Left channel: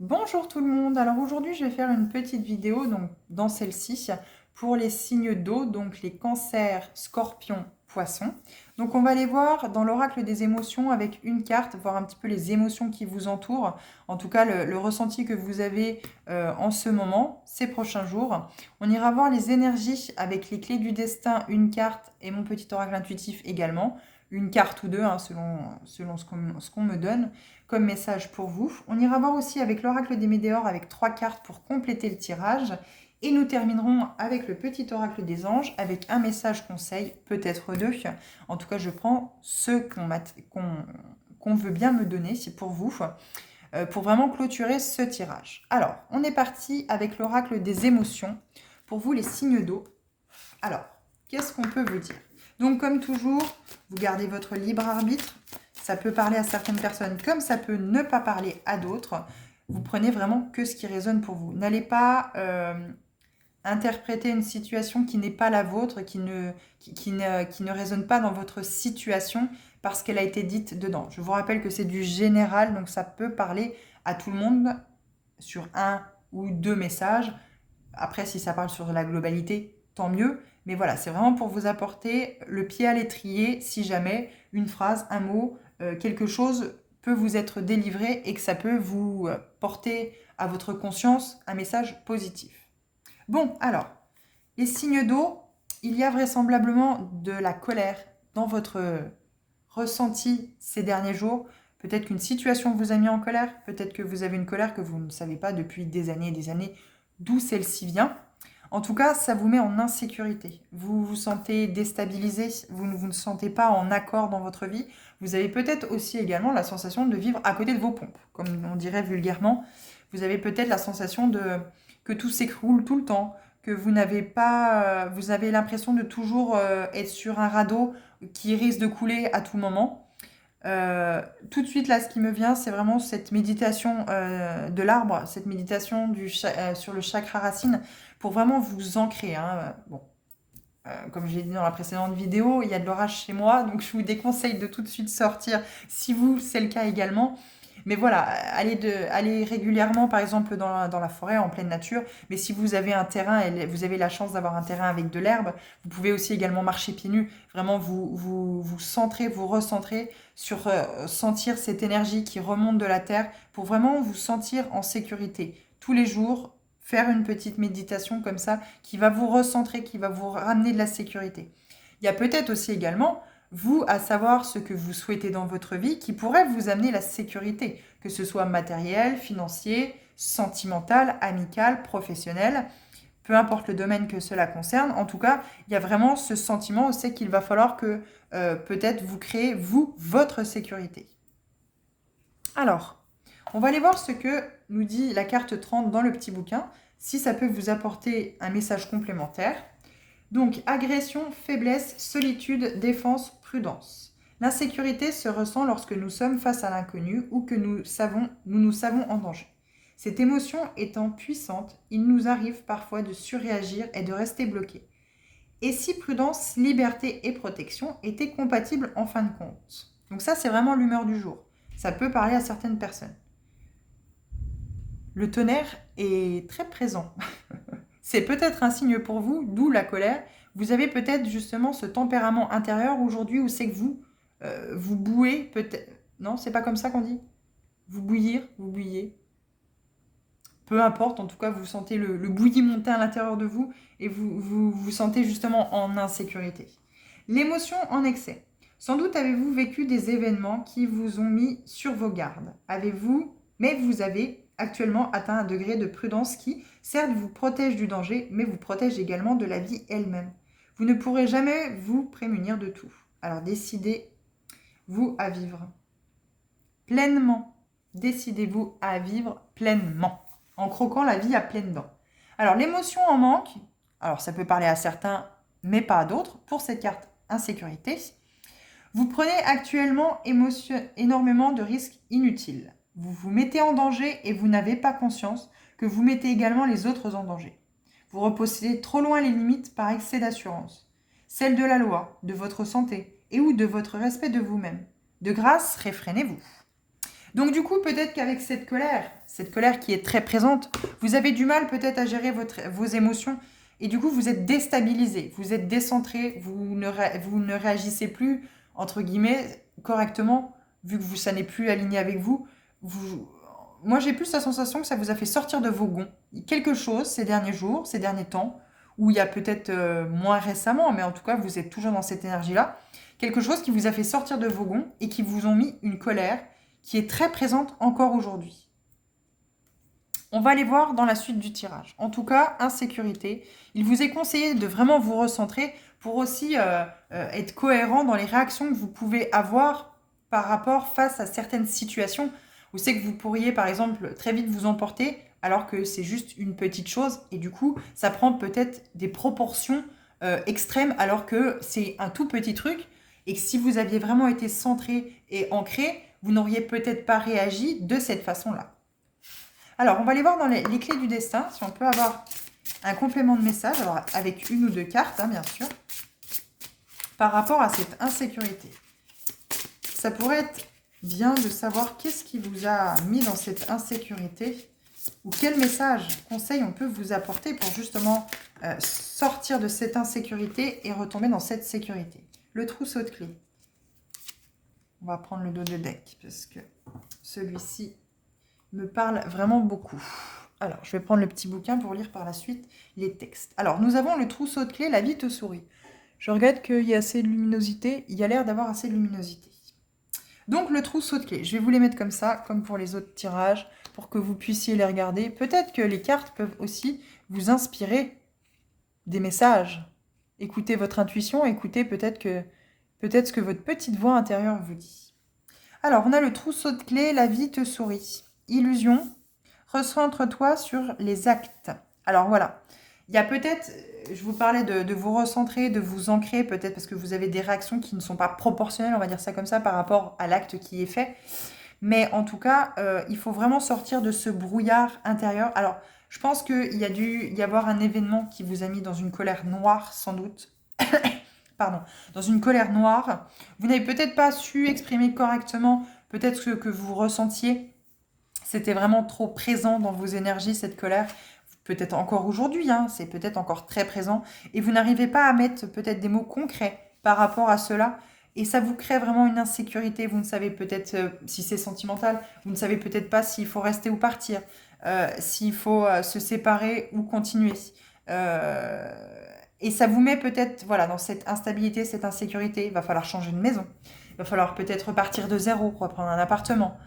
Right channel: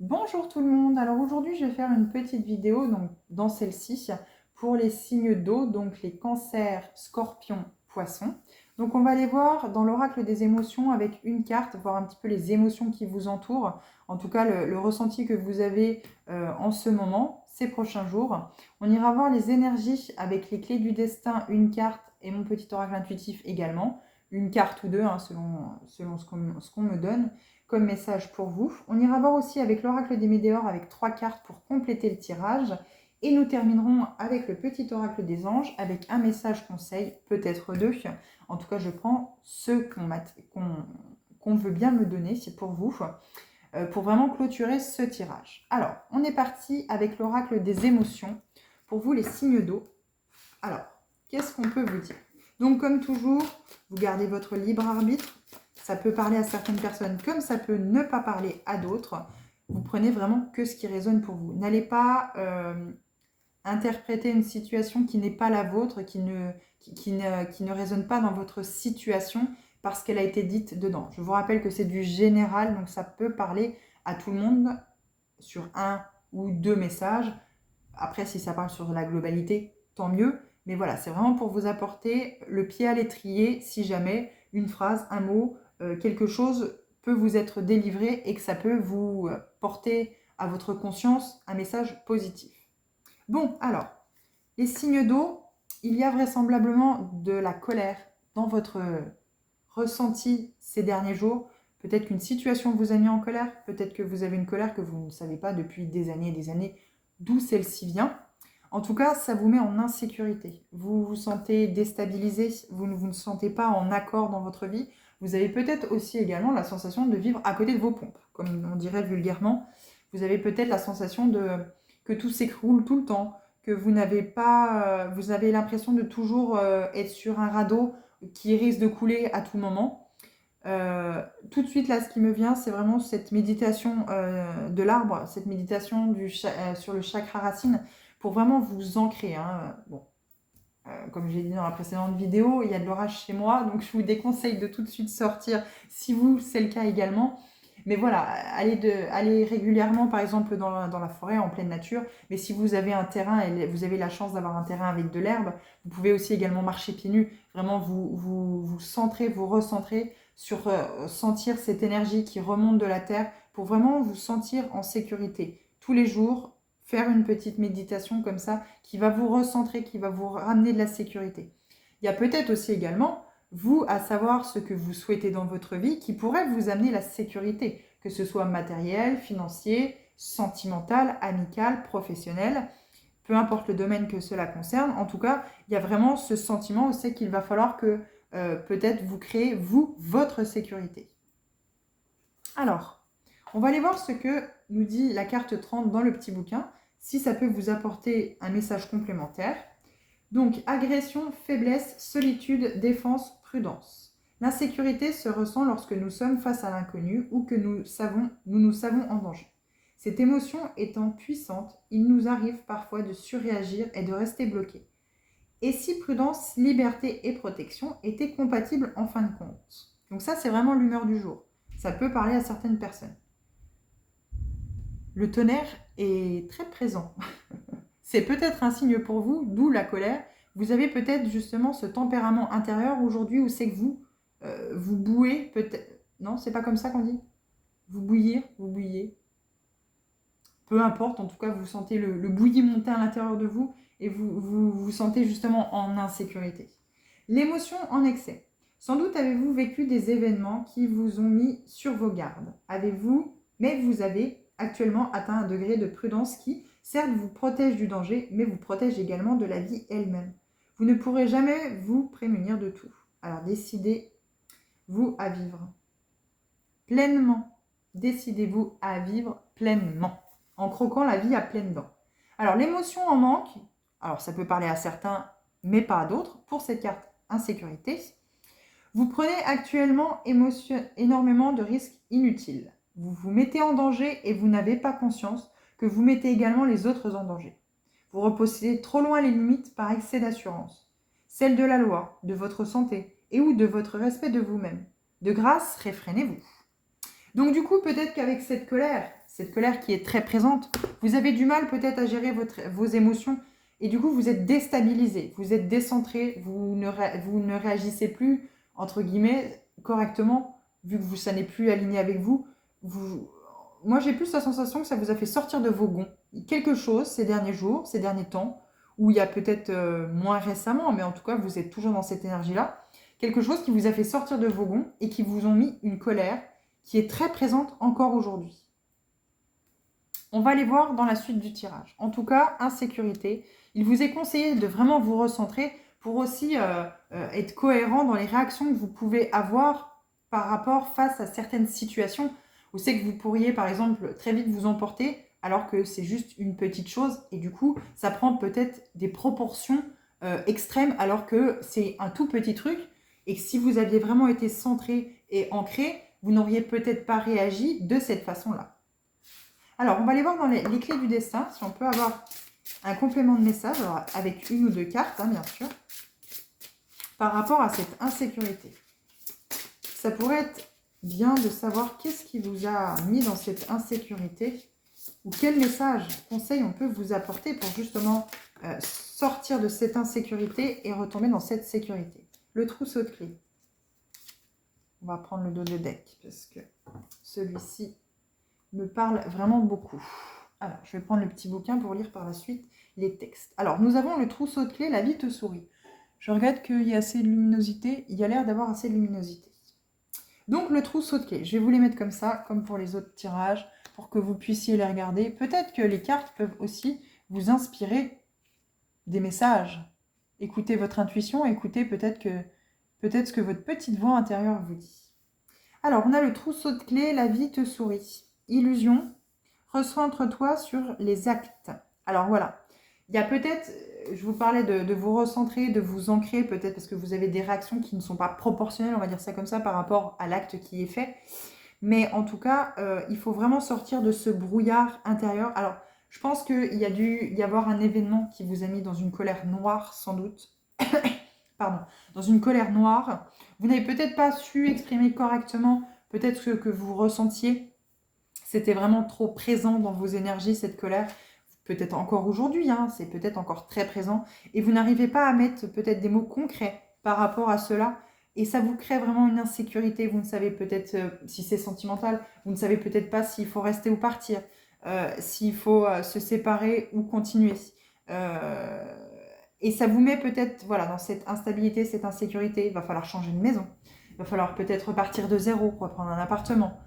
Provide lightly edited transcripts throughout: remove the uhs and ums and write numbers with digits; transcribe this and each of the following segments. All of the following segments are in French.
Bonjour tout le monde, alors aujourd'hui je vais faire une petite vidéo donc dans celle-ci pour les signes d'eau, donc les cancers, scorpions, poissons. Donc on va aller voir dans l'oracle des émotions avec une carte, voir un petit peu les émotions qui vous entourent, en tout cas le ressenti que vous avez en ce moment, ces prochains jours. On ira voir les énergies avec les clés du destin, une carte et mon petit oracle intuitif également, une carte ou deux hein, selon ce qu'on me donne comme message pour vous. On ira voir aussi avec l'oracle des météores avec 3 cartes pour compléter le tirage. Et nous terminerons avec le petit oracle des anges avec un message conseil, peut-être deux. En tout cas, je prends ceux qu'on veut bien me donner, c'est pour vous, pour vraiment clôturer ce tirage. Alors, on est parti avec l'oracle des émotions. Pour vous, les signes d'eau. Alors, qu'est-ce qu'on peut vous dire? Donc, comme toujours, vous gardez votre libre arbitre. Ça peut parler à certaines personnes comme ça peut ne pas parler à d'autres. Vous prenez vraiment que ce qui résonne pour vous. N'allez pas interpréter une situation qui n'est pas la vôtre, qui ne résonne pas dans votre situation parce qu'elle a été dite dedans. Je vous rappelle que c'est du général, donc ça peut parler à tout le monde sur un ou deux messages. Après, si ça parle sur la globalité, tant mieux. Mais voilà, c'est vraiment pour vous apporter le pied à l'étrier si jamais une phrase, un mot, quelque chose peut vous être délivré et que ça peut vous porter à votre conscience un message positif. Bon, alors, les signes d'eau, il y a vraisemblablement de la colère dans votre ressenti ces derniers jours. Peut-être qu'une situation vous a mis en colère, peut-être que vous avez une colère que vous ne savez pas depuis des années d'où celle-ci vient. En tout cas, ça vous met en insécurité. Vous vous sentez déstabilisé, vous ne vous sentez pas en accord dans votre vie. Vous avez peut-être aussi également la sensation de vivre à côté de vos pompes, comme on dirait vulgairement. Vous avez peut-être la sensation que tout s'écroule tout le temps, que vous n'avez pas, vous avez l'impression de toujours être sur un radeau qui risque de couler à tout moment. Tout de suite, là, ce qui me vient, c'est vraiment cette méditation de l'arbre, cette méditation sur le chakra racine, pour vraiment vous ancrer. Hein. Bon, comme je l'ai dit dans la précédente vidéo, il y a de l'orage chez moi, donc je vous déconseille de tout de suite sortir si vous, c'est le cas également. Mais voilà, allez régulièrement, par exemple, dans la forêt, en pleine nature. Mais si vous avez un terrain, et vous avez la chance d'avoir un terrain avec de l'herbe, vous pouvez aussi également marcher pieds nus. Vraiment, vous centrez, vous recentrez sur sentir cette énergie qui remonte de la terre pour vraiment vous sentir en sécurité. Tous les jours, faire une petite méditation comme ça qui va vous recentrer, qui va vous ramener de la sécurité. Il y a peut-être aussi également vous à savoir ce que vous souhaitez dans votre vie qui pourrait vous amener la sécurité, que ce soit matériel, financier, sentimental, amical, professionnel, peu importe le domaine que cela concerne. En tout cas, il y a vraiment ce sentiment, c'est qu'il va falloir que peut-être vous créez, vous, votre sécurité. Alors, on va aller voir ce que nous dit la carte 30 dans le petit bouquin, si ça peut vous apporter un message complémentaire. Donc, agression, faiblesse, solitude, défense, prudence. L'insécurité se ressent lorsque nous sommes face à l'inconnu ou que nous nous savons en danger. Cette émotion étant puissante, il nous arrive parfois de surréagir et de rester bloqués. Et si prudence, liberté et protection étaient compatibles en fin de compte? Donc ça, c'est vraiment l'humeur du jour. Ça peut parler à certaines personnes. Le tonnerre est très présent. C'est peut-être un signe pour vous, d'où la colère. Vous avez peut-être justement ce tempérament intérieur aujourd'hui où c'est que vous bouez peut-être. Non, c'est pas comme ça qu'on dit. Vous bouillez. Peu importe, en tout cas, vous sentez le bouilli monter à l'intérieur de vous et vous sentez justement en insécurité. L'émotion en excès. Sans doute avez-vous vécu des événements qui vous ont mis sur vos gardes. Mais vous avez actuellement atteint un degré de prudence qui, certes, vous protège du danger, mais vous protège également de la vie elle-même. Vous ne pourrez jamais vous prémunir de tout. Alors décidez-vous à vivre pleinement. Décidez-vous à vivre pleinement, en croquant la vie à pleines dents. Alors l'émotion en manque, alors ça peut parler à certains, mais pas à d'autres, pour cette carte insécurité. Vous prenez actuellement énormément de risques inutiles. Vous vous mettez en danger et vous n'avez pas conscience que vous mettez également les autres en danger. Vous repoussez trop loin les limites par excès d'assurance, celle de la loi, de votre santé et ou de votre respect de vous-même. De grâce, réfrénez-vous. Donc du coup, peut-être qu'avec cette colère qui est très présente, vous avez du mal peut-être à gérer vos émotions et du coup, vous êtes déstabilisé, vous êtes décentré, vous ne réagissez plus, entre guillemets, correctement, vu que ça n'est plus aligné avec vous. Moi, j'ai plus la sensation que ça vous a fait sortir de vos gonds. Quelque chose ces derniers jours, ces derniers temps, ou il y a peut-être moins récemment, mais en tout cas, vous êtes toujours dans cette énergie-là. Quelque chose qui vous a fait sortir de vos gonds et qui vous ont mis une colère qui est très présente encore aujourd'hui. On va aller voir dans la suite du tirage. En tout cas, insécurité. Il vous est conseillé de vraiment vous recentrer pour aussi être cohérent dans les réactions que vous pouvez avoir par rapport face à certaines situations. Vous savez que vous pourriez, par exemple, très vite vous emporter alors que c'est juste une petite chose et du coup, ça prend peut-être des proportions extrêmes alors que c'est un tout petit truc et que si vous aviez vraiment été centré et ancré, vous n'auriez peut-être pas réagi de cette façon-là. Alors, on va aller voir dans les clés du destin, si on peut avoir un complément de message, alors avec une ou deux cartes, hein, bien sûr, par rapport à cette insécurité. Ça pourrait être bien de savoir qu'est-ce qui vous a mis dans cette insécurité ou quel message, conseil on peut vous apporter pour justement sortir de cette insécurité et retomber dans cette sécurité. Le trousseau de clés. On va prendre le dos de deck parce que celui-ci me parle vraiment beaucoup. Alors, je vais prendre le petit bouquin pour lire par la suite les textes. Alors, nous avons le trousseau de clés, la vie te sourit. Je regrette qu'il y ait assez de luminosité. Il y a l'air d'avoir assez de luminosité. Donc, le trousseau de clés, je vais vous les mettre comme ça, comme pour les autres tirages, pour que vous puissiez les regarder. Peut-être que les cartes peuvent aussi vous inspirer des messages. Écoutez votre intuition, écoutez peut-être ce que votre petite voix intérieure vous dit. Alors, on a le trousseau de clés, la vie te sourit. Illusion, recentre-toi sur les actes. Alors voilà, il y a peut-être, je vous parlais de vous recentrer, de vous ancrer, peut-être parce que vous avez des réactions qui ne sont pas proportionnelles, on va dire ça comme ça, par rapport à l'acte qui est fait. Mais en tout cas, il faut vraiment sortir de ce brouillard intérieur. Alors, je pense qu'il y a dû y avoir un événement qui vous a mis dans une colère noire, sans doute. Pardon, dans une colère noire. Vous n'avez peut-être pas su exprimer correctement peut-être ce que vous ressentiez. C'était vraiment trop présent dans vos énergies, cette colère. Peut-être encore aujourd'hui, hein, c'est peut-être encore très présent. Et vous n'arrivez pas à mettre peut-être des mots concrets par rapport à cela. Et ça vous crée vraiment une insécurité. Vous ne savez peut-être, si c'est sentimental, vous ne savez peut-être pas s'il faut rester ou partir, s'il faut se séparer ou continuer. Et ça vous met peut-être voilà, dans cette instabilité, cette insécurité. Il va falloir changer de maison. Il va falloir peut-être repartir de zéro, reprendre un appartement.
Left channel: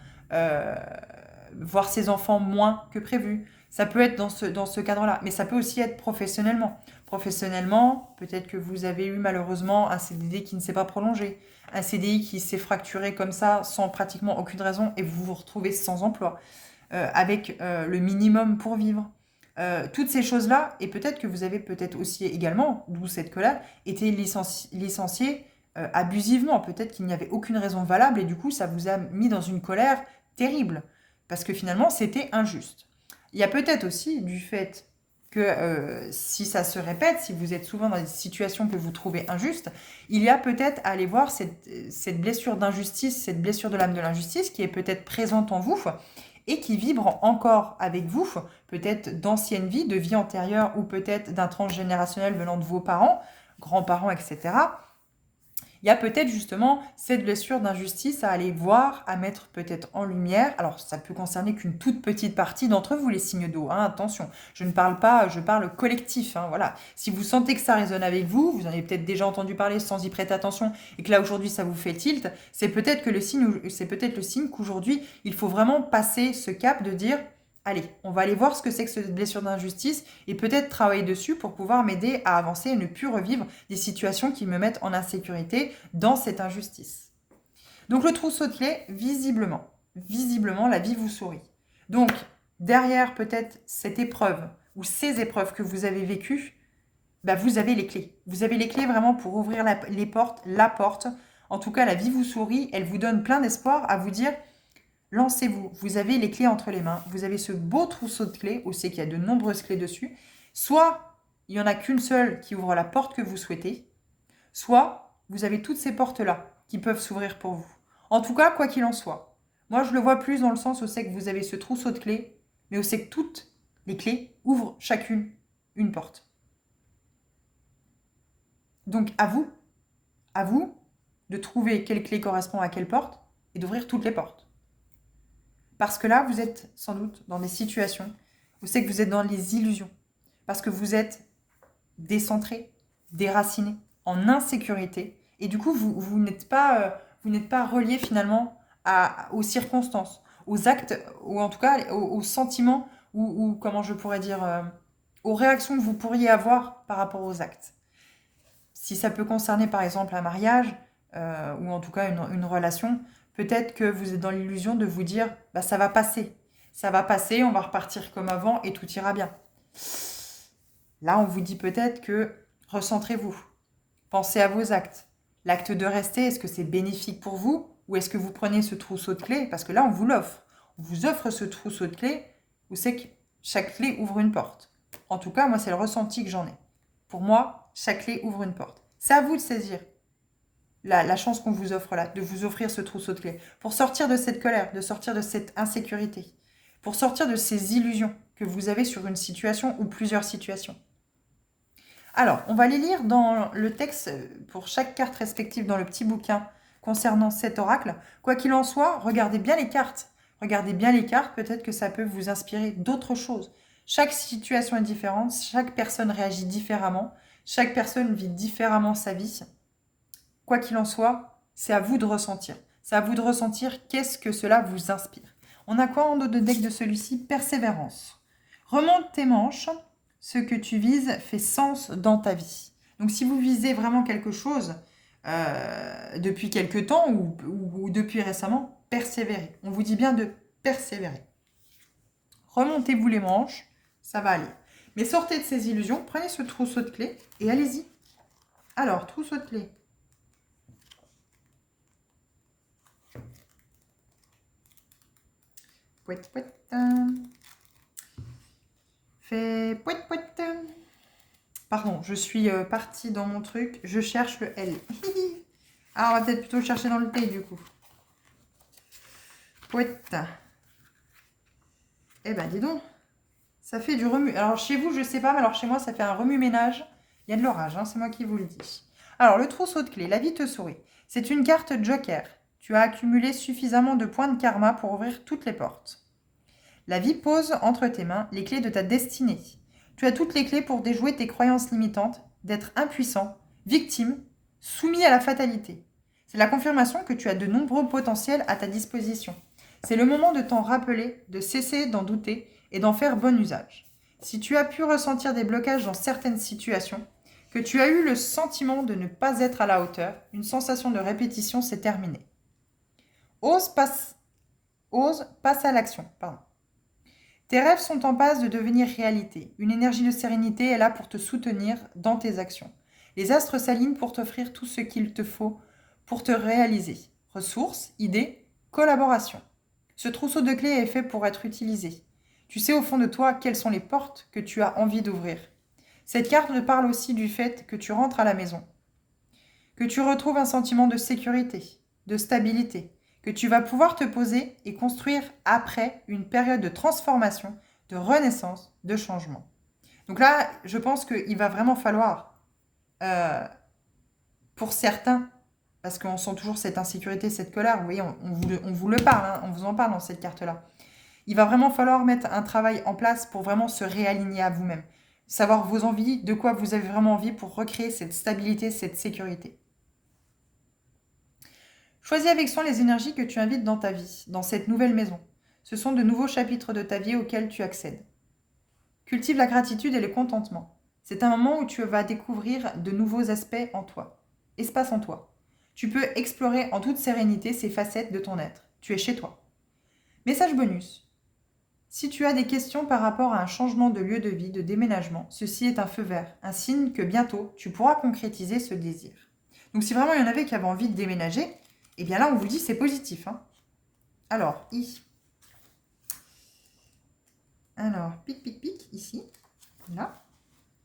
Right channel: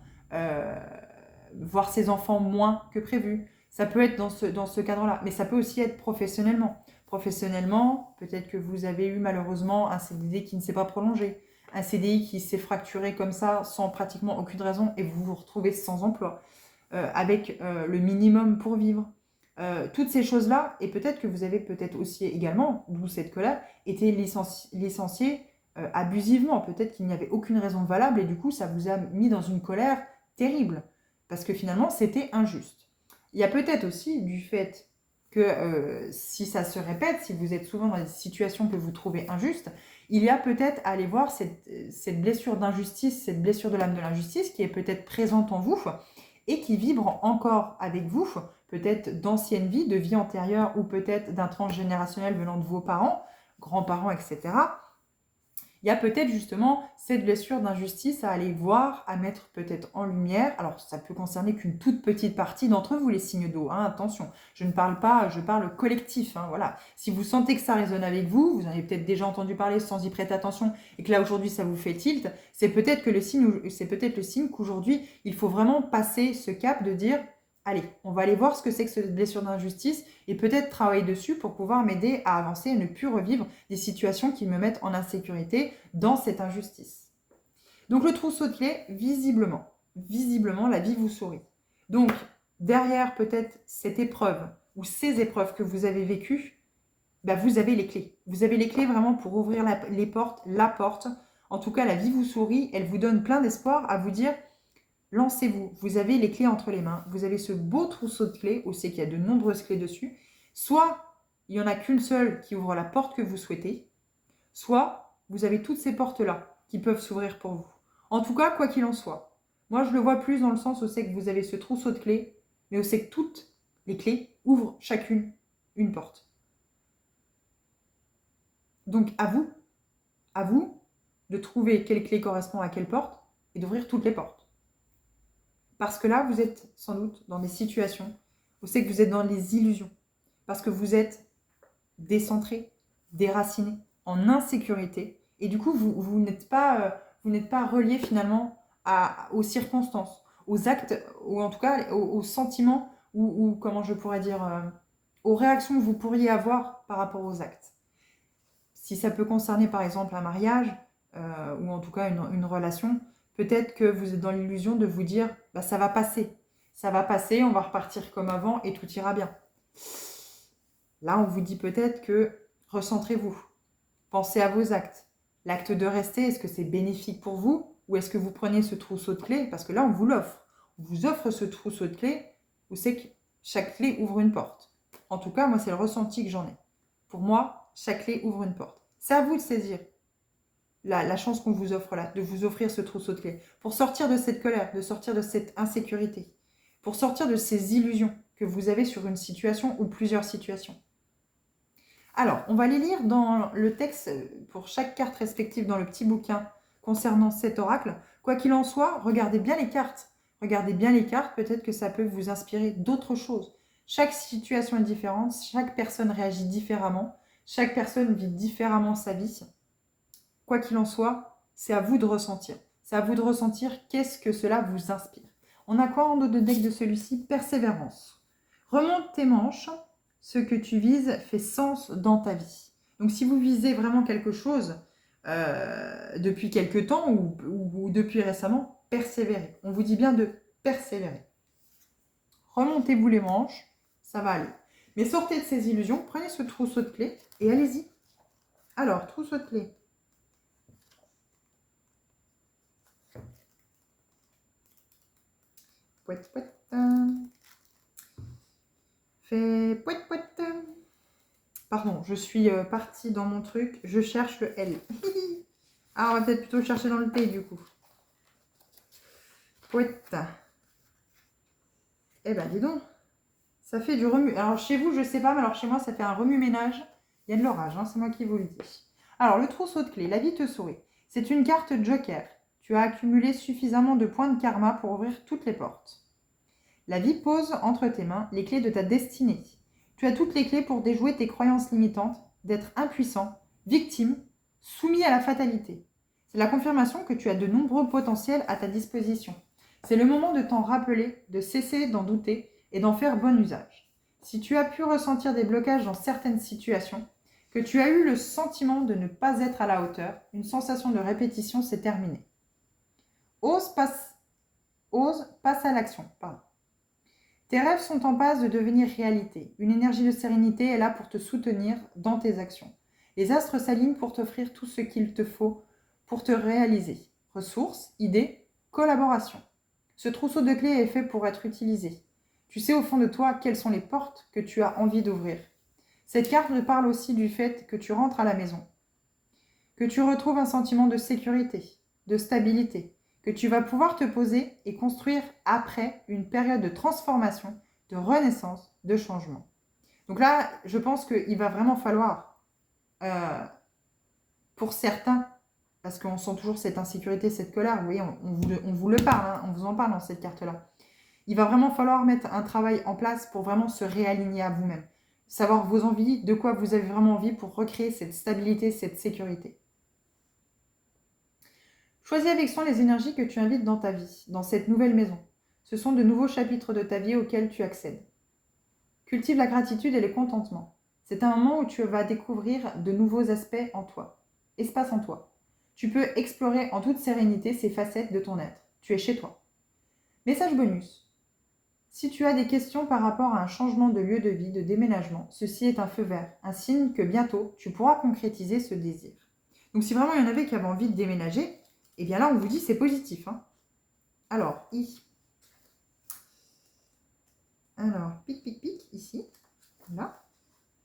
Voir ses enfants moins que prévu. Ça peut être dans ce cadre-là, mais ça peut aussi être professionnellement. Professionnellement, peut-être que vous avez eu malheureusement un CDD qui ne s'est pas prolongé, un CDI qui s'est fracturé comme ça sans pratiquement aucune raison et vous vous retrouvez sans emploi, avec le minimum pour vivre. Toutes ces choses-là, et peut-être que vous avez peut-être aussi également, d'où cette colère, été licencié abusivement. Peut-être qu'il n'y avait aucune raison valable et du coup, ça vous a mis dans une colère terrible parce que finalement, c'était injuste. Il y a peut-être aussi du fait que si ça se répète, si vous êtes souvent dans des situations que vous trouvez injustes, il y a peut-être à aller voir cette blessure d'injustice, cette blessure de l'âme de l'injustice qui est peut-être présente en vous et qui vibre encore avec vous, peut-être d'anciennes vies, de vie antérieure ou peut-être d'un transgénérationnel venant de vos parents, grands-parents, etc. Il y a peut-être justement cette blessure d'injustice à aller voir, à mettre peut-être en lumière. Alors, ça peut concerner qu'une toute petite partie d'entre vous, les signes d'eau. Hein, attention, je ne parle pas, je parle collectif. Hein, voilà. Si vous sentez que ça résonne avec vous, vous en avez peut-être déjà entendu parler sans y prêter attention, et que là aujourd'hui ça vous fait tilt, c'est peut-être le signe qu'aujourd'hui il faut vraiment passer ce cap de dire allez, on va aller voir ce que c'est que cette blessure d'injustice et peut-être travailler dessus pour pouvoir m'aider à avancer et ne plus revivre des situations qui me mettent en insécurité dans cette injustice. Donc le trousseau de clés, visiblement, la vie vous sourit. Donc derrière peut-être cette épreuve ou ces épreuves que vous avez vécues, bah, vous avez les clés. Vous avez les clés vraiment pour ouvrir les portes, la porte. En tout cas, la vie vous sourit, elle vous donne plein d'espoir à vous dire lancez-vous, vous avez les clés entre les mains, vous avez ce beau trousseau de clés, où c'est qu'il y a de nombreuses clés dessus. Soit il n'y en a qu'une seule qui ouvre la porte que vous souhaitez, soit vous avez toutes ces portes-là qui peuvent s'ouvrir pour vous. En tout cas, quoi qu'il en soit, Moi, je le vois plus dans le sens où c'est que vous avez ce trousseau de clés, mais où c'est que toutes les clés ouvrent chacune une porte. Donc, à vous de trouver quelle clé correspond à quelle porte et d'ouvrir toutes les portes. Parce que là, vous êtes sans doute dans des situations où c'est que vous êtes dans les illusions. Parce que vous êtes décentré, déraciné, en insécurité. Et du coup, vous n'êtes pas relié finalement aux circonstances, aux actes, ou en tout cas aux sentiments, ou comment je pourrais dire, aux réactions que vous pourriez avoir par rapport aux actes. Si ça peut concerner par exemple un mariage, ou en tout cas une relation, peut-être que vous êtes dans l'illusion de vous dire bah, ça va passer. Ça va passer, on va repartir comme avant et tout ira bien. Là, on vous dit peut-être que recentrez-vous. Pensez à vos actes. L'acte de rester, est-ce que c'est bénéfique pour vous ou est-ce que vous prenez ce trousseau de clés? Parce que là, on vous l'offre. On vous offre ce trousseau de clés où c'est que chaque clé ouvre une porte. En tout cas, moi, c'est le ressenti que j'en ai. Pour moi, chaque clé ouvre une porte. C'est à vous de saisir la chance qu'on vous offre là, de vous offrir ce trousseau de clés, pour sortir de cette colère, de sortir de cette insécurité, pour sortir de ces illusions que vous avez sur une situation ou plusieurs situations. Alors, on va les lire dans le texte pour chaque carte respective dans le petit bouquin concernant cet oracle. Quoi qu'il en soit, regardez bien les cartes. Regardez bien les cartes, peut-être que ça peut vous inspirer d'autres choses. Chaque situation est différente, chaque personne réagit différemment, chaque personne vit différemment sa vie. Quoi qu'il en soit, c'est à vous de ressentir. C'est à vous de ressentir qu'est-ce que cela vous inspire. On a quoi en dos de deck de celui-ci? Persévérance. Remonte tes manches. Ce que tu vises fait sens dans ta vie. Donc si vous visez vraiment quelque chose depuis quelque temps ou depuis récemment, persévérez. On vous dit bien de persévérer. Remontez-vous les manches, ça va aller. Mais sortez de ces illusions, prenez ce trousseau de clés et allez-y. Alors, trousseau de clés. Pouette, pouette. Fait pouette, pouette. Pardon, je suis partie dans mon truc. Je cherche le L. Ah, on va peut-être plutôt chercher dans le T, du coup. Pouette. Eh ben, dis donc. Ça fait du remue. Alors, chez vous, je sais pas, mais alors chez moi, ça fait un remue-ménage. Il y a de l'orage, hein, c'est moi qui vous le dis. Alors, le trousseau de clés, la vie te sourit. C'est une carte joker. Tu as accumulé suffisamment de points de karma pour ouvrir toutes les portes. La vie pose entre tes mains les clés de ta destinée. Tu as toutes les clés pour déjouer tes croyances limitantes, d'être impuissant, victime, soumis à la fatalité. C'est la confirmation que tu as de nombreux potentiels à ta disposition. C'est le moment de t'en rappeler, de cesser d'en douter et d'en faire bon usage. Si tu as pu ressentir des blocages dans certaines situations, que tu as eu le sentiment de ne pas être à la hauteur, une sensation de répétition s'est terminée. Ose, passe à l'action. Tes rêves sont en passe de devenir réalité. Une énergie de sérénité est là pour te soutenir dans tes actions. Les astres s'alignent pour t'offrir tout ce qu'il te faut pour te réaliser. Ressources, idées, collaboration. Ce trousseau de clés est fait pour être utilisé. Tu sais au fond de toi quelles sont les portes que tu as envie d'ouvrir. Cette carte me parle aussi du fait que tu rentres à la maison, que tu retrouves un sentiment de sécurité, de stabilité, que tu vas pouvoir te poser et construire après une période de transformation, de renaissance, de changement. Donc là, je pense qu'il va vraiment falloir, pour certains, parce qu'on sent toujours cette insécurité, cette colère, oui, on vous le parle, hein, on vous en parle dans cette carte-là. Il va vraiment falloir mettre un travail en place pour vraiment se réaligner à vous-même. Savoir vos envies, de quoi vous avez vraiment envie pour recréer cette stabilité, cette sécurité. Choisis avec soin les énergies que tu invites dans ta vie, dans cette nouvelle maison. Ce sont de nouveaux chapitres de ta vie auxquels tu accèdes. Cultive la gratitude et le contentement. C'est un moment où tu vas découvrir de nouveaux aspects en toi. Espace en toi. Tu peux explorer en toute sérénité ces facettes de ton être. Tu es chez toi. Message bonus. Si tu as des questions par rapport à un changement de lieu de vie, de déménagement, ceci est un feu vert, un signe que bientôt tu pourras concrétiser ce désir. Donc si vraiment il y en avait qui avaient envie de déménager, eh bien là on vous dit c'est positif. Hein. Alors, pic, pic, pic, ici, là.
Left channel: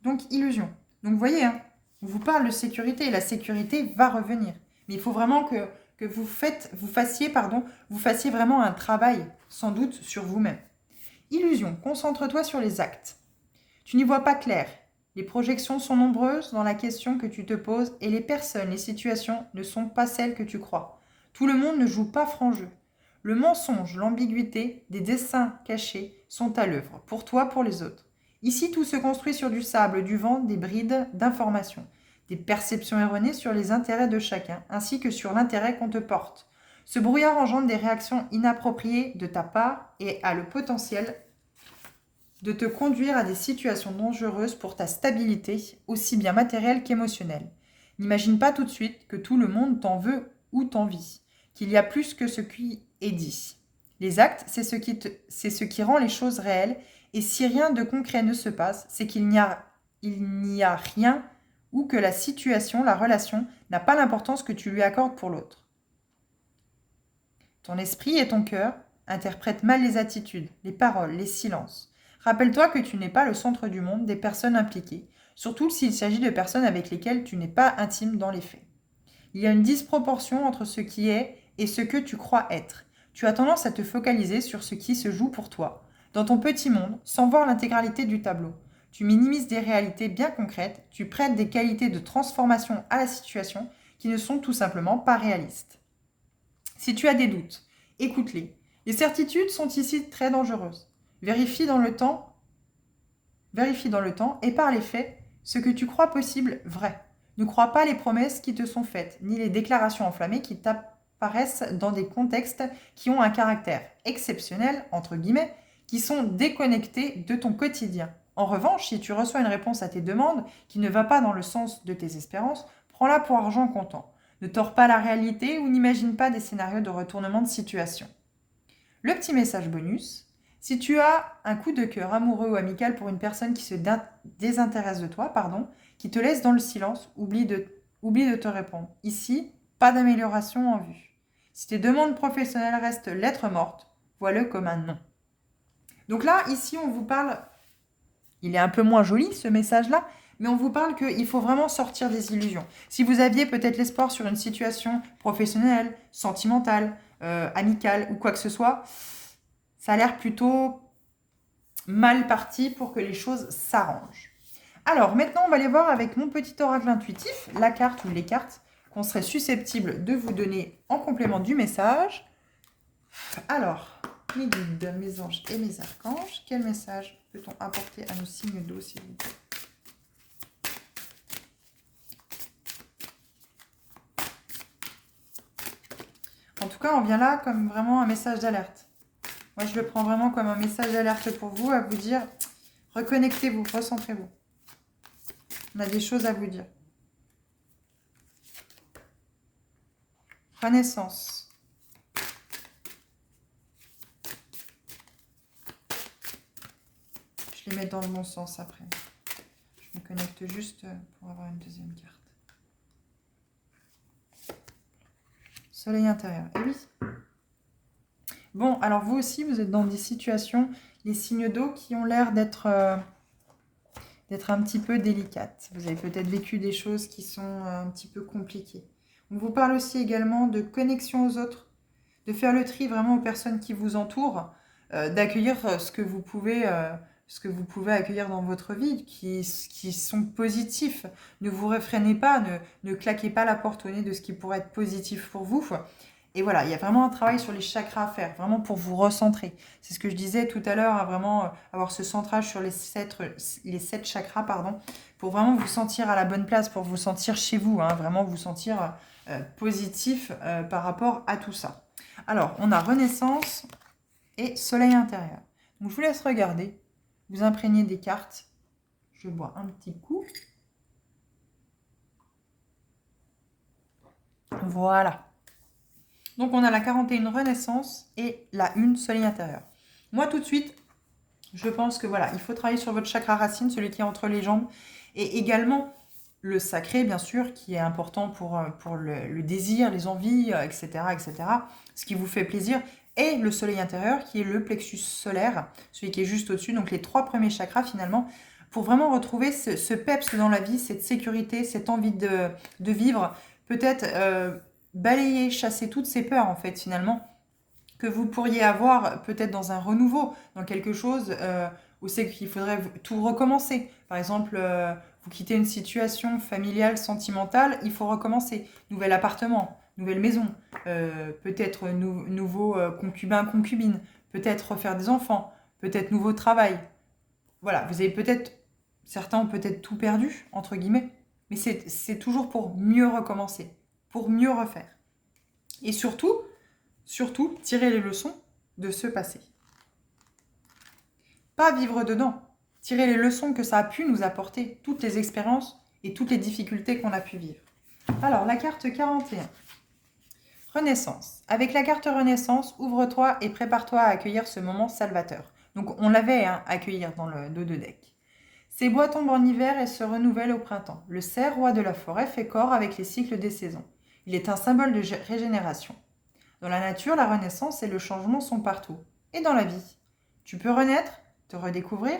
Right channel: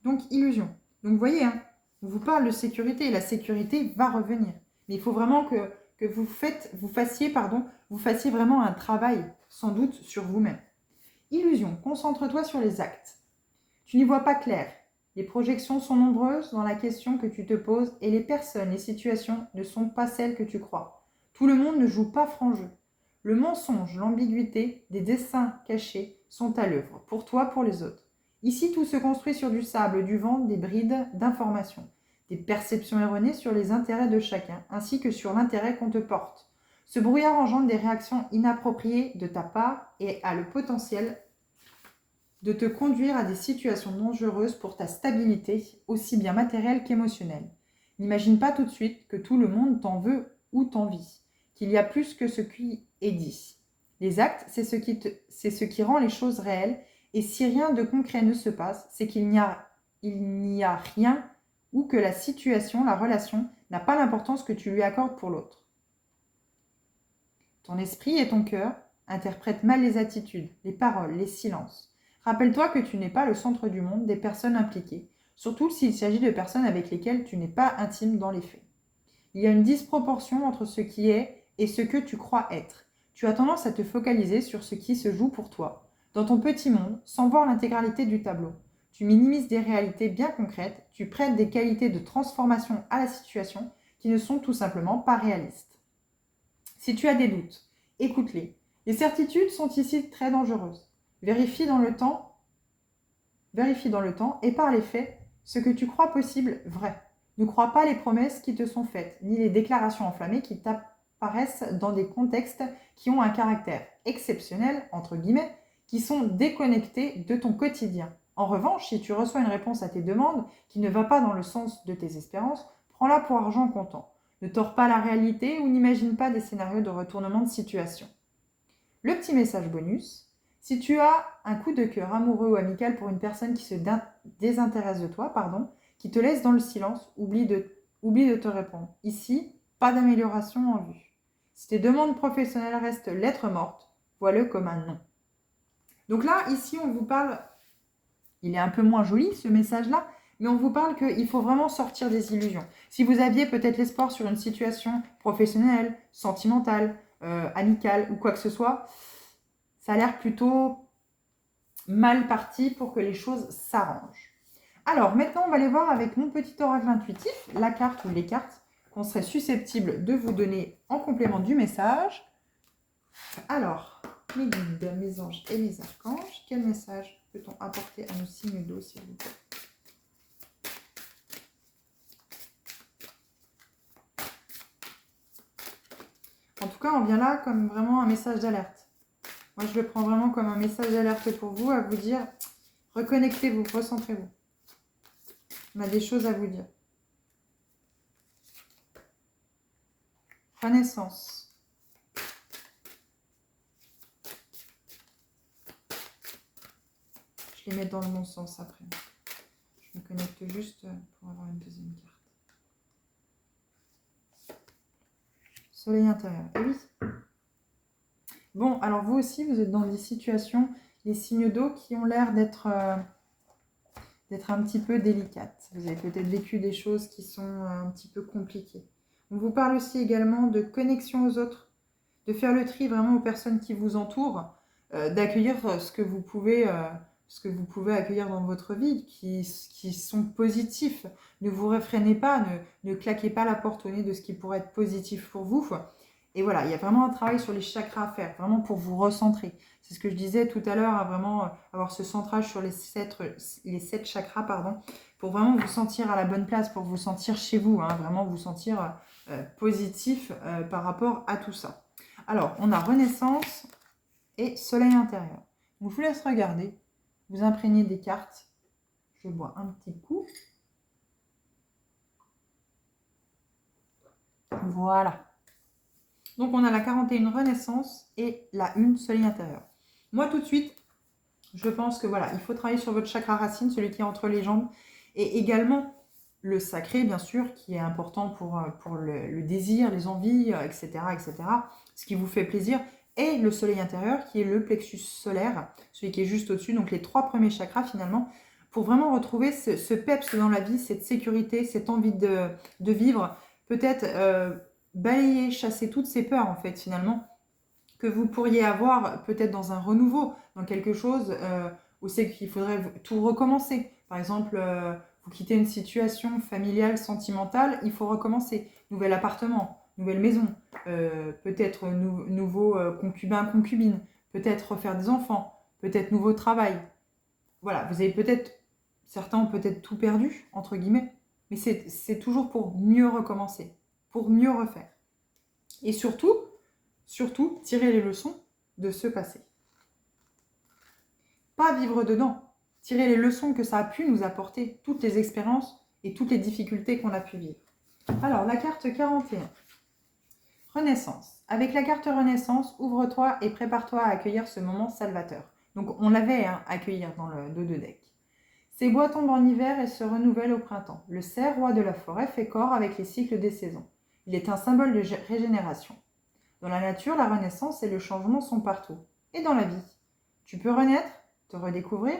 Donc illusion. Donc vous voyez, hein, on vous parle de sécurité et la sécurité va revenir. Mais il faut vraiment que que vous fassiez vraiment un travail, sans doute, sur vous-même. Illusion, concentre-toi sur les actes. Tu n'y vois pas clair. Les projections sont nombreuses dans la question que tu te poses et les personnes, les situations ne sont pas celles que tu crois. Tout le monde ne joue pas franc jeu. Le mensonge, l'ambiguïté, des dessins cachés sont à l'œuvre, pour toi, pour les autres. Ici, tout se construit sur du sable, du vent, des brides d'informations, des perceptions erronées sur les intérêts de chacun, ainsi que sur l'intérêt qu'on te porte. Ce brouillard engendre des réactions inappropriées de ta part et a le potentiel de te conduire à des situations dangereuses pour ta stabilité, aussi bien matérielle qu'émotionnelle. N'imagine pas tout de suite que tout le monde t'en veut ou t'envie, qu'il y a plus que ce qui est dit. Les actes, c'est ce qui rend les choses réelles, et si rien de concret ne se passe, c'est qu'il n'y a rien ou que la situation, la relation, n'a pas l'importance que tu lui accordes pour l'autre. Ton esprit et ton cœur interprètent mal les attitudes, les paroles, les silences. Rappelle-toi que tu n'es pas le centre du monde des personnes impliquées, surtout s'il s'agit de personnes avec lesquelles tu n'es pas intime dans les faits. Il y a une disproportion entre ce qui est et ce que tu crois être. Tu as tendance à te focaliser sur ce qui se joue pour toi, dans ton petit monde, sans voir l'intégralité du tableau. Tu minimises des réalités bien concrètes, tu prêtes des qualités de transformation à la situation qui ne sont tout simplement pas réalistes. Si tu as des doutes, écoute-les. Les certitudes sont ici très dangereuses. Vérifie dans le temps et par les faits ce que tu crois possible vrai. Ne crois pas les promesses qui te sont faites, ni les déclarations enflammées qui t'apparaissent dans des contextes qui ont un caractère exceptionnel, entre guillemets, qui sont déconnectés de ton quotidien. En revanche, si tu reçois une réponse à tes demandes qui ne va pas dans le sens de tes espérances, prends-la pour argent comptant. Ne tords pas la réalité ou n'imagine pas des scénarios de retournement de situation. Le petit message bonus, si tu as un coup de cœur amoureux ou amical pour une personne qui se désintéresse de toi, qui te laisse dans le silence, oublie de te répondre. Ici, pas d'amélioration en vue. Si tes demandes professionnelles restent lettre morte, vois-le comme un non. Donc là, ici, on vous parle, il est un peu moins joli ce message-là, mais on vous parle qu'il faut vraiment sortir des illusions. Si vous aviez peut-être l'espoir sur une situation professionnelle, sentimentale, amicale ou quoi que ce soit, ça a l'air plutôt mal parti pour que les choses s'arrangent. Alors, maintenant, on va aller voir avec mon petit oracle intuitif, la carte ou les cartes qu'on serait susceptible de vous donner en complément du message. Alors, mes guides, mes anges et mes archanges, quel message peut-on apporter à nos signes d'eau, s'il vous plaît? En tout cas, on vient là comme vraiment un message d'alerte. Moi, je le prends vraiment comme un message d'alerte pour vous, à vous dire, reconnectez-vous, recentrez-vous. On a des choses à vous dire. Renaissance. Je les mets dans le bon sens après. Je me connecte juste pour avoir une deuxième carte. Soleil intérieur. Et oui. Bon, alors vous aussi, vous êtes dans des situations, les signes d'eau qui ont l'air d'être un petit peu délicates. Vous avez peut-être vécu des choses qui sont un petit peu compliquées. On vous parle aussi également de connexion aux autres, de faire le tri vraiment aux personnes qui vous entourent, d'accueillir ce que vous pouvez accueillir dans votre vie, qui sont positifs. Ne vous réfrénez pas, ne claquez pas la porte au nez de ce qui pourrait être positif pour vous. Et voilà, il y a vraiment un travail sur les chakras à faire, vraiment pour vous recentrer. C'est ce que je disais tout à l'heure, à vraiment avoir ce centrage sur les sept chakras, pour vraiment vous sentir à la bonne place, pour vous sentir chez vous, vraiment vous sentir positif par rapport à tout ça. Alors, on a Renaissance et Soleil intérieur. Donc, je vous laisse regarder, vous imprégner des cartes. Je bois un petit coup. Voilà. Donc, on a la 41 Renaissance et la 1 Soleil intérieur. Moi, tout de suite, je pense que voilà, il faut travailler sur votre chakra racine, celui qui est entre les jambes, et également le sacré, bien sûr, qui est important pour le désir, les envies, etc., etc., ce qui vous fait plaisir, et le soleil intérieur, qui est le plexus solaire, celui qui est juste au-dessus, donc les 3 premiers chakras, finalement, pour vraiment retrouver ce peps dans la vie, cette sécurité, cette envie de vivre, peut-être balayer, chasser toutes ces peurs, en fait, finalement, que vous pourriez avoir peut-être dans un renouveau, dans quelque chose où c'est qu'il faudrait tout recommencer. Par exemple, vous quittez une situation familiale, sentimentale, il faut recommencer. Nouvel appartement, nouvelle maison, peut-être nouveau concubin, concubine, peut-être refaire des enfants, peut-être nouveau travail. Voilà, vous avez peut-être, certains ont peut-être tout perdu, entre guillemets, mais c'est toujours pour mieux recommencer, pour mieux refaire. Et surtout, tirer les leçons de ce passé. Pas vivre dedans, tirer les leçons que ça a pu nous apporter, toutes les expériences et toutes les difficultés qu'on a pu vivre. Alors, la carte 41. Renaissance. Avec la carte Renaissance, ouvre-toi et prépare-toi à accueillir ce moment salvateur. Donc, on l'avait accueillir dans le dos de deck. Ces bois tombent en hiver et se renouvellent au printemps. Le cerf, roi de la forêt, fait corps avec les cycles des saisons. Il est un symbole de régénération. Dans la nature, la renaissance et le changement sont partout. Et dans la vie, tu peux renaître, te redécouvrir,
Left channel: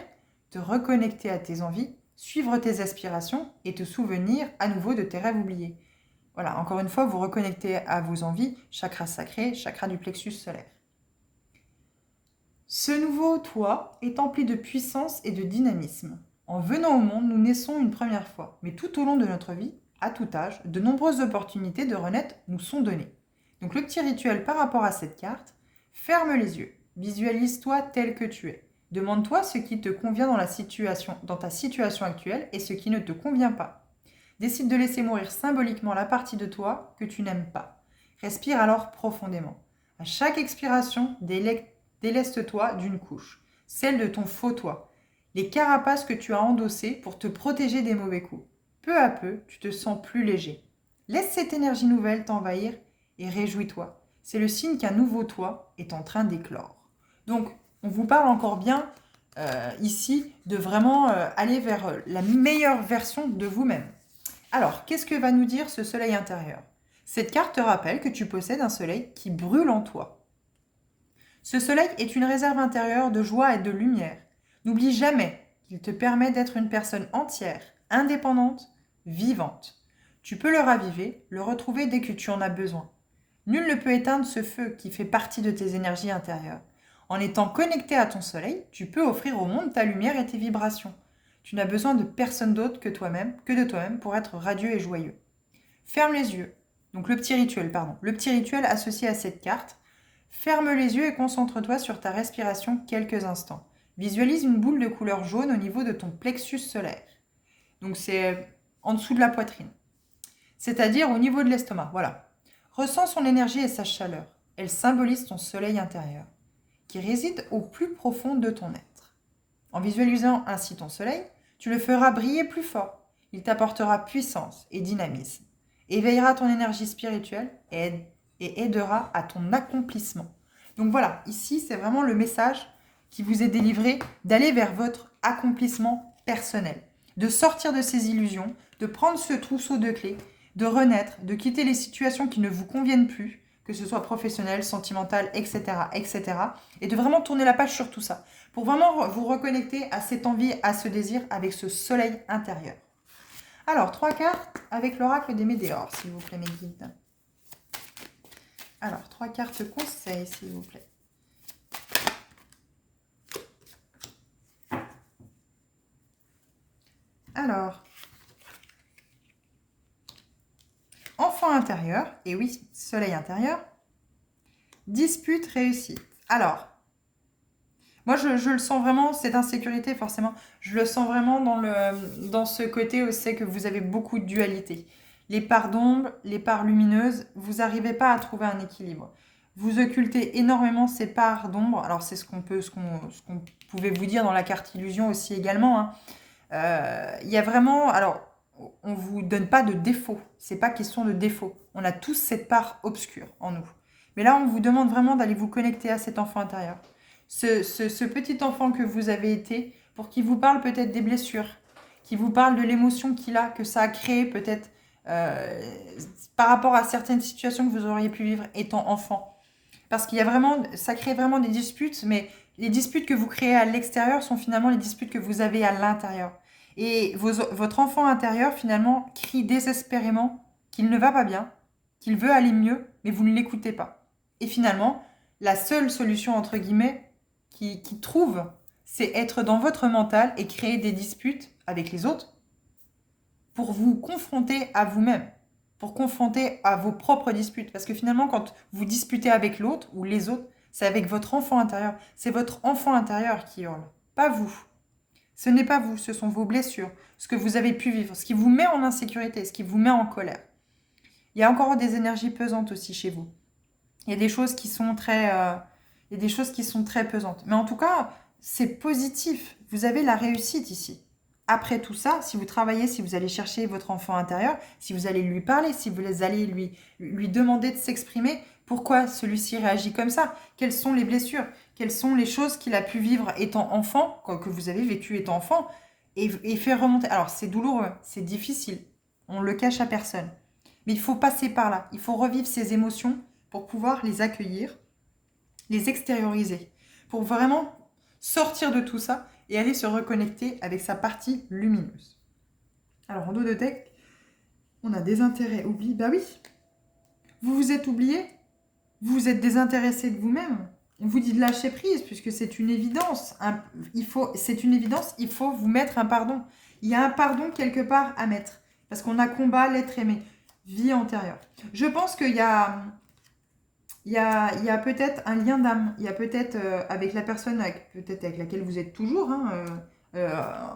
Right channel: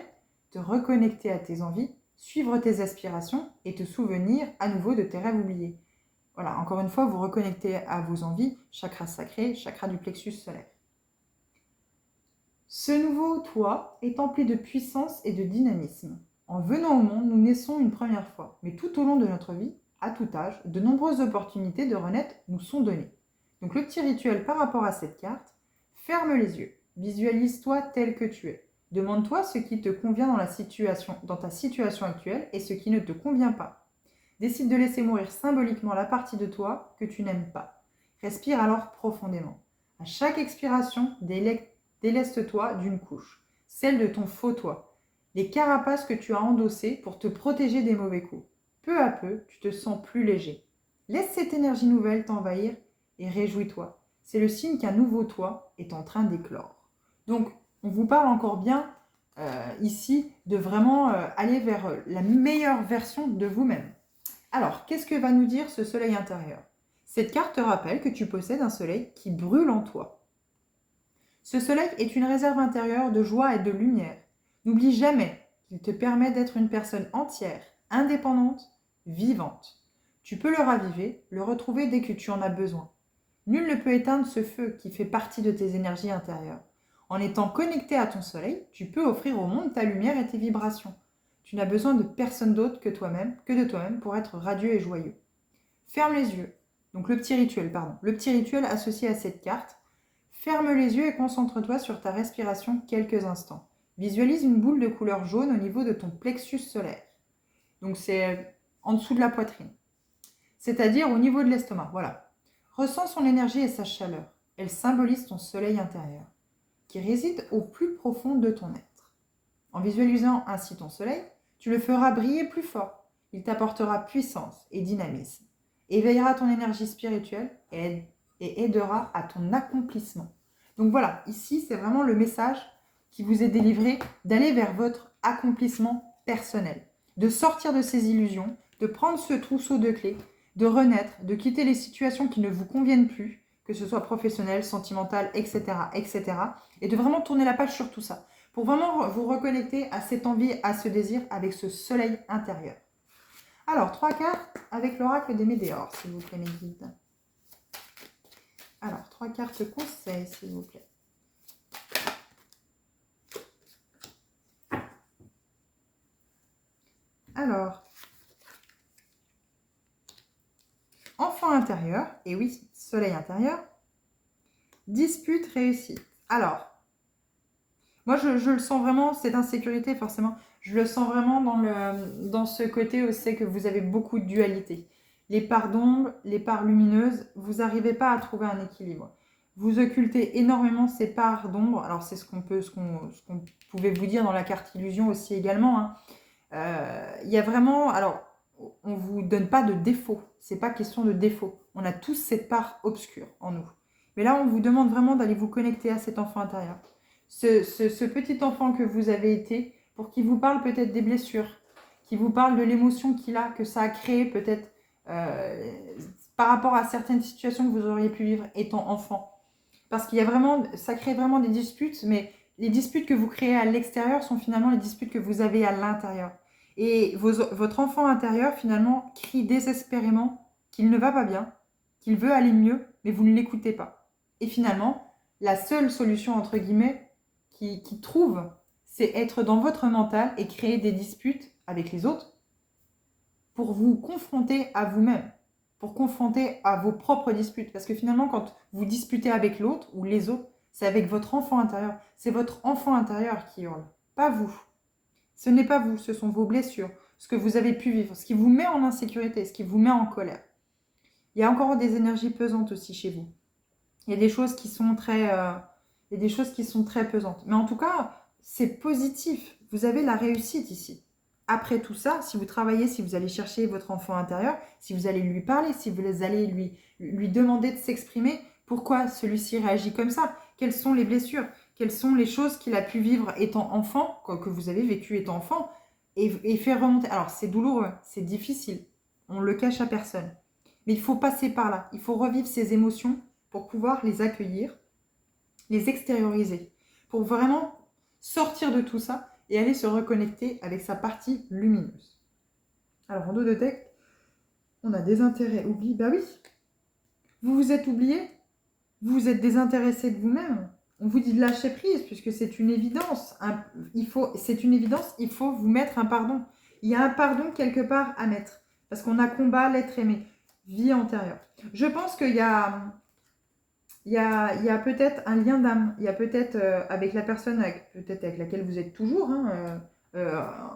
te reconnecter à tes envies, suivre tes aspirations et te souvenir à nouveau de tes rêves oubliés. Voilà, encore une fois, vous reconnectez à vos envies, chakra sacré, chakra du plexus solaire. Ce nouveau toi est empli de puissance et de dynamisme. En venant au monde, nous naissons une première fois, mais tout au long de notre vie, à tout âge, de nombreuses opportunités de renaître nous sont données. Donc le petit rituel par rapport à cette carte, ferme les yeux, visualise-toi tel que tu es. Demande-toi ce qui te convient dans ta situation actuelle et ce qui ne te convient pas. Décide de laisser mourir symboliquement la partie de toi que tu n'aimes pas. Respire alors profondément. À chaque expiration, déleste-toi d'une couche, celle de ton faux toi, les carapaces que tu as endossées pour te protéger des mauvais coups. Peu à peu, tu te sens plus léger. Laisse cette énergie nouvelle t'envahir et réjouis-toi. C'est le signe qu'un nouveau toi est en train d'éclore. Donc, on vous parle encore bien ici de vraiment aller vers la meilleure version de vous-même. Alors, qu'est-ce que va nous dire ce soleil intérieur? Cette carte te rappelle que tu possèdes un soleil qui brûle en toi. Ce soleil est une réserve intérieure de joie et de lumière. N'oublie jamais qu'il te permet d'être une personne entière, indépendante, vivante. Tu peux le raviver, le retrouver dès que tu en as besoin. Nul ne peut éteindre ce feu qui fait partie de tes énergies intérieures. En étant connecté à ton soleil, tu peux offrir au monde ta lumière et tes vibrations. Tu n'as besoin de personne d'autre que de toi-même pour être radieux et joyeux. Ferme les yeux. Donc le petit rituel associé à cette carte. Ferme les yeux et concentre-toi sur ta respiration quelques instants. Visualise une boule de couleur jaune au niveau de ton plexus solaire. Donc c'est en dessous de la poitrine. C'est-à-dire au niveau de l'estomac. Voilà. Ressens son énergie et sa chaleur. Elle symbolise ton soleil intérieur, qui réside au plus profond de ton être. En visualisant ainsi ton soleil, tu le feras briller plus fort. Il t'apportera puissance et dynamisme, éveillera ton énergie spirituelle et aidera à ton accomplissement. Donc voilà, ici c'est vraiment le message qui vous est délivré d'aller vers votre accomplissement personnel, de sortir de ces illusions, de prendre ce trousseau de clés, de renaître, de quitter les situations qui ne vous conviennent plus, que ce soit professionnel, sentimental, etc., etc., et de vraiment tourner la page sur tout ça, pour vraiment vous reconnecter à cette envie, à ce désir, avec ce soleil intérieur. Alors, 3 cartes avec l'oracle des Médéors, s'il vous plaît, mes guides. Alors, 3 cartes conseils, s'il vous plaît. Alors, enfant intérieur, et oui, soleil intérieur, dispute réussite. Alors, moi je le sens vraiment, cette insécurité forcément, je le sens vraiment dans ce côté où c'est que vous avez beaucoup de dualité. Les parts d'ombre, les parts lumineuses, vous n'arrivez pas à trouver un équilibre. Vous occultez énormément ces parts d'ombre. Alors c'est ce qu'on pouvait vous dire dans la carte illusion aussi également, hein. Il y a vraiment, alors on vous donne pas de défaut, c'est pas question de défaut. On a tous cette part obscure en nous. Mais là on vous demande vraiment d'aller vous connecter à cet enfant intérieur. Ce petit enfant que vous avez été, pour qu'il vous parle peut-être des blessures, qui vous parle de l'émotion qu'il a, que ça a créé peut-être par rapport à certaines situations que vous auriez pu vivre étant enfant. Parce qu'il y a vraiment, ça crée vraiment des disputes, mais les disputes que vous créez à l'extérieur sont finalement les disputes que vous avez à l'intérieur. Et votre enfant intérieur finalement crie désespérément qu'il ne va pas bien, qu'il veut aller mieux, mais vous ne l'écoutez pas. Et finalement, la seule solution, entre guillemets, qui trouve, c'est être dans votre mental et créer des disputes avec les autres pour vous confronter à vous-même, pour confronter à vos propres disputes. Parce que finalement, quand vous disputez avec l'autre ou les autres, c'est avec votre enfant intérieur. C'est votre enfant intérieur qui hurle, pas vous. Ce n'est pas vous, ce sont vos blessures, ce que vous avez pu vivre, ce qui vous met en insécurité, ce qui vous met en colère. Il y a encore des énergies pesantes aussi chez vous. Il y a des choses qui sont il y a des choses qui sont très pesantes. Mais en tout cas, c'est positif. Vous avez la réussite ici. Après tout ça, si vous travaillez, si vous allez chercher votre enfant intérieur, si vous allez lui parler, si vous allez lui demander de s'exprimer, pourquoi celui-ci réagit comme ça? Quelles sont les blessures? Quelles sont les choses qu'il a pu vivre étant enfant, que vous avez vécu étant enfant, et faire remonter. Alors, c'est douloureux, c'est difficile. On ne le cache à personne. Mais il faut passer par là. Il faut revivre ces émotions pour pouvoir les accueillir, les extérioriser, pour vraiment sortir de tout ça et aller se reconnecter avec sa partie lumineuse. Alors en dos de deck, on a désintérêt, oubli. Bah oui, vous vous êtes oublié, vous vous êtes désintéressé de vous-même. On vous dit de lâcher prise puisque c'est une évidence. C'est une évidence, il faut vous mettre un pardon. Il y a un pardon quelque part à mettre parce qu'on a combat l'être aimé, vie antérieure. Je pense qu'il y a peut-être un lien d'âme. Il y a peut-être avec la personne peut-être avec laquelle vous êtes toujours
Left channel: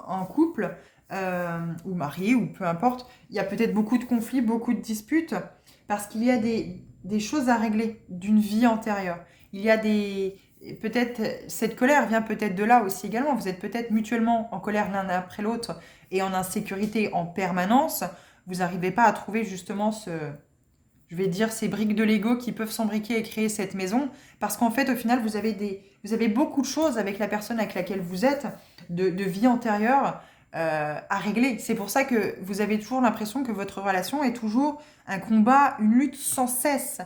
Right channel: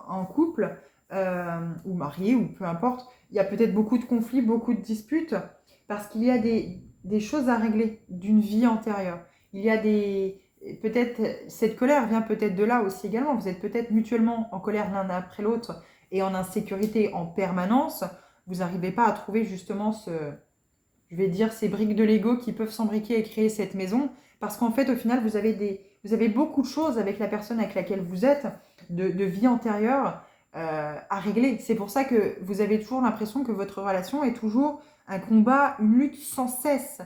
en couple ou marié ou peu importe. Il y a peut-être beaucoup de conflits, beaucoup de disputes parce qu'il y a des choses à régler d'une vie antérieure. Il y a peut-être cette colère vient peut-être de là aussi également. Vous êtes peut-être mutuellement en colère l'un après l'autre et en insécurité en permanence. Vous n'arrivez pas à trouver justement je vais dire, ces briques de Lego qui peuvent s'embriquer et créer cette maison. Parce qu'en fait, au final, vous avez beaucoup de choses avec la personne avec laquelle vous êtes, de vie antérieure, à régler. C'est pour ça que vous avez toujours l'impression que votre relation est toujours un combat, une lutte sans cesse.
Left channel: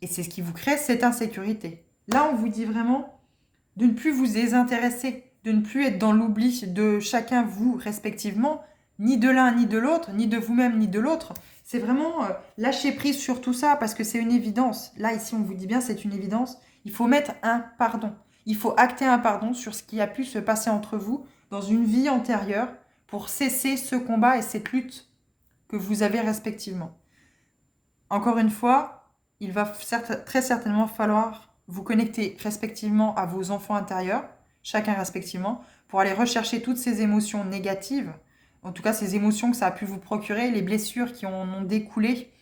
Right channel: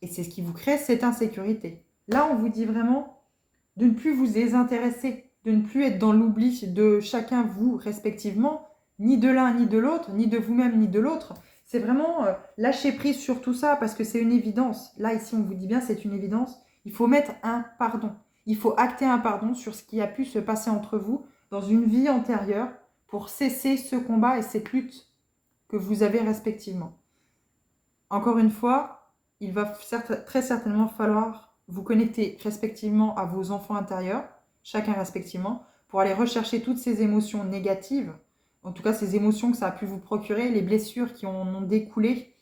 Et c'est ce qui vous crée cette insécurité. Là, on vous dit vraiment de ne plus vous désintéresser, de ne plus être dans l'oubli de chacun vous respectivement, ni de l'un ni de l'autre, ni de vous-même ni de l'autre. C'est vraiment lâcher prise sur tout ça parce que c'est une évidence. Là, ici, on vous dit bien, c'est une évidence. Il faut mettre un pardon. Il faut acter un pardon sur ce qui a pu se passer entre vous dans une vie antérieure pour cesser ce combat et cette lutte que vous avez respectivement. Encore une fois, il va très certainement falloir vous connecter respectivement à vos enfants intérieurs, chacun respectivement, pour aller rechercher toutes ces émotions négatives, en tout cas ces émotions que ça a pu vous procurer, les blessures qui en ont découlé,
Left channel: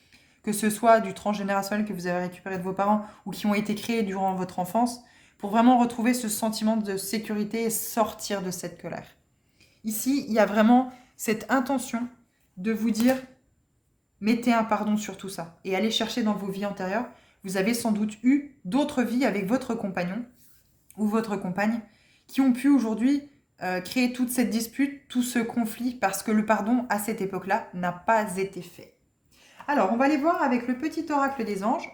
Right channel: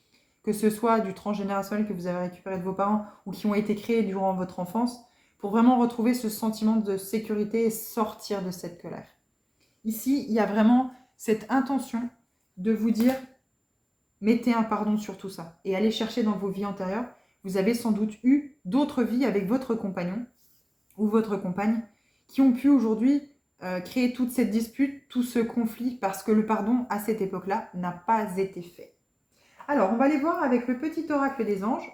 que ce soit du transgénérationnel que vous avez récupéré de vos parents ou qui ont été créés durant votre enfance, pour vraiment retrouver ce sentiment de sécurité et sortir de cette colère. Ici, il y a vraiment cette intention de vous dire mettez un pardon sur tout ça et allez chercher dans vos vies antérieures. Vous avez sans doute eu d'autres vies avec votre compagnon ou votre compagne qui ont pu aujourd'hui créer toute cette dispute, tout ce conflit parce que le pardon à cette époque-là n'a pas été fait. Alors, on va aller voir avec le petit oracle des anges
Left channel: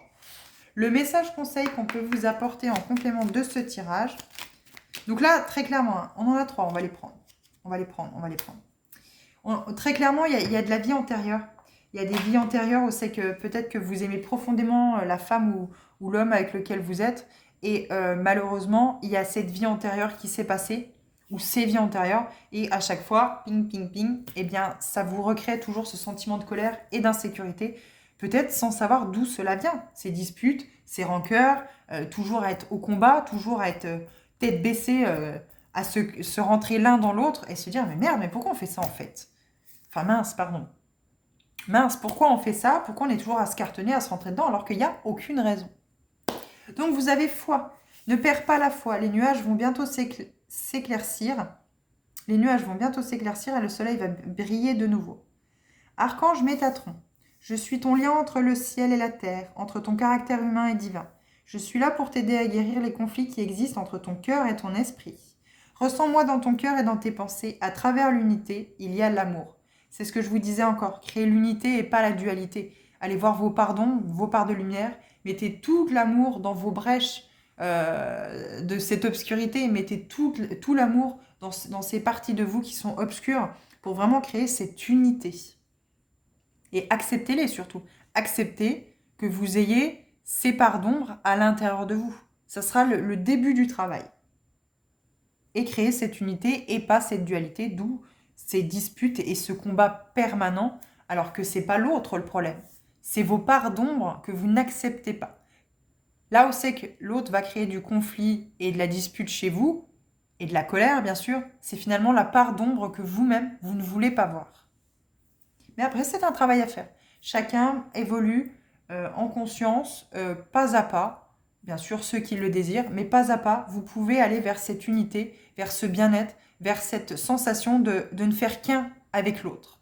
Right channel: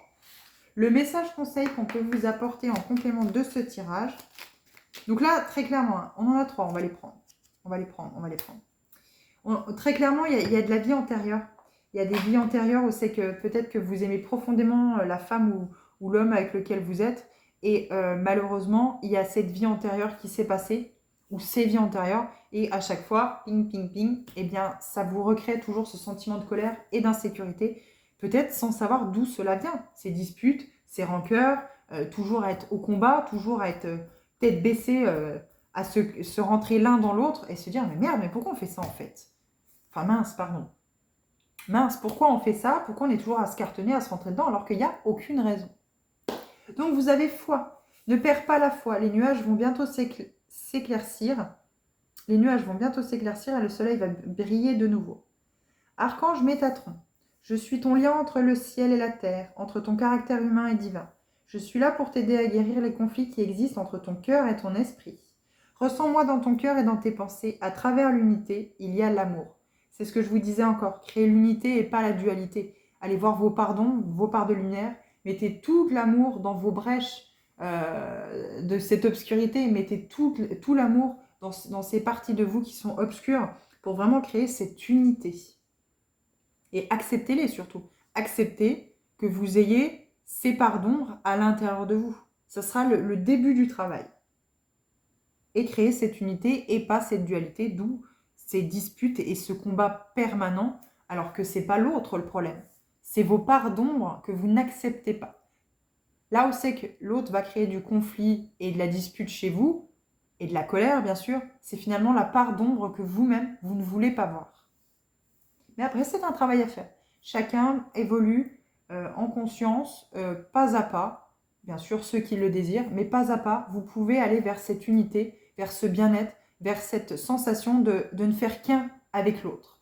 le message conseil qu'on peut vous apporter en complément de ce tirage. Donc là, très clairement, on en a 3, on va les prendre. Très clairement, il y a de la vie antérieure. Il y a des vies antérieures où c'est que peut-être que vous aimez profondément la femme ou l'homme avec lequel vous êtes. Et malheureusement, il y a cette vie antérieure qui s'est passée, ou ces vies antérieures. Et à chaque fois, ping, ping, ping, eh bien, ça vous recrée toujours ce sentiment de colère et d'insécurité. Peut-être sans savoir d'où cela vient. Ces disputes, ces rancœurs, toujours à être au combat, toujours à être tête baissée, à se rentrer l'un dans l'autre et se dire « Mais merde, mais pourquoi on fait ça en fait ?» Enfin mince, pardon. Mince, pourquoi on fait ça? Pourquoi on est toujours à se cartonner, à se rentrer dedans alors qu'il n'y a aucune raison? Donc vous avez foi. Ne perds pas la foi. Les nuages vont bientôt s'éclaircir. Les nuages vont bientôt s'éclaircir et le soleil va briller de nouveau. Archange Métatron, je suis ton lien entre le ciel et la terre, entre ton caractère humain et divin. Je suis là pour t'aider à guérir les conflits qui existent entre ton cœur et ton esprit. Ressens-moi dans ton cœur et dans tes pensées. À travers l'unité, il y a l'amour. C'est ce que je vous disais encore. Créer l'unité et pas la dualité. Allez voir vos pardons, vos parts de lumière. Mettez tout l'amour dans vos brèches de cette obscurité. Mettez tout l'amour dans ces parties de vous qui sont obscures pour vraiment créer cette unité. Et acceptez-les surtout. Acceptez que vous ayez ces parts d'ombre à l'intérieur de vous. Ça sera le début du travail. Et créer cette unité et pas cette dualité, d'où ces disputes et ce combat permanent, alors que ce n'est pas l'autre le problème. C'est vos parts d'ombre que vous n'acceptez pas. Là où c'est que l'autre va créer du conflit et de la dispute chez vous, et de la colère bien sûr, c'est finalement la part d'ombre que vous-même, vous ne voulez pas voir. Mais après, c'est un travail à faire. Chacun évolue en conscience, pas à pas, bien sûr ceux qui le désirent, mais pas à pas, vous pouvez aller vers cette unité, vers ce bien-être, vers cette sensation de ne faire qu'un avec l'autre.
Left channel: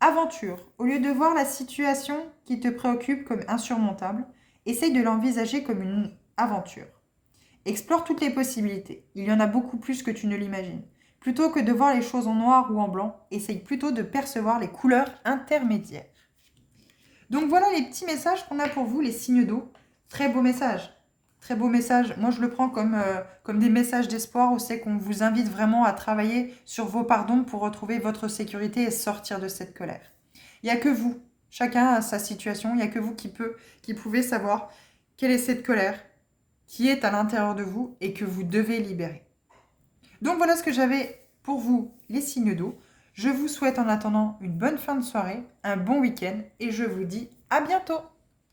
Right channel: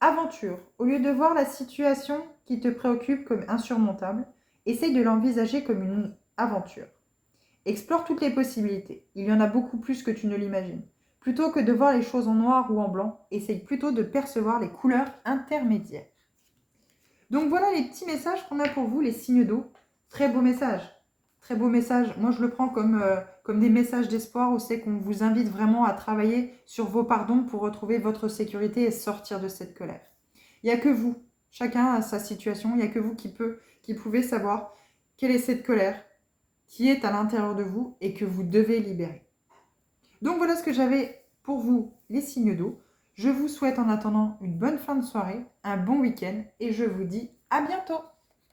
Aventure. Au lieu de voir la situation qui te préoccupe comme insurmontable, essaye de l'envisager comme une aventure. Explore toutes les possibilités. Il y en a beaucoup plus que tu ne l'imagines. Plutôt que de voir les choses en noir ou en blanc, essaye plutôt de percevoir les couleurs intermédiaires. Donc voilà les petits messages qu'on a pour vous, les signes d'eau. Très beau message. Très beau message. Moi, je le prends comme des messages d'espoir où c'est qu'on vous invite vraiment à travailler sur vos pardons pour retrouver votre sécurité et sortir de cette colère. Il n'y a que vous. Chacun a sa situation. Il n'y a que vous qui pouvez savoir quelle est cette colère qui est à l'intérieur de vous et que vous devez libérer. Donc voilà ce que j'avais pour vous, les signes d'eau. Je vous souhaite en attendant une bonne fin de soirée, un bon week-end et je vous dis à bientôt.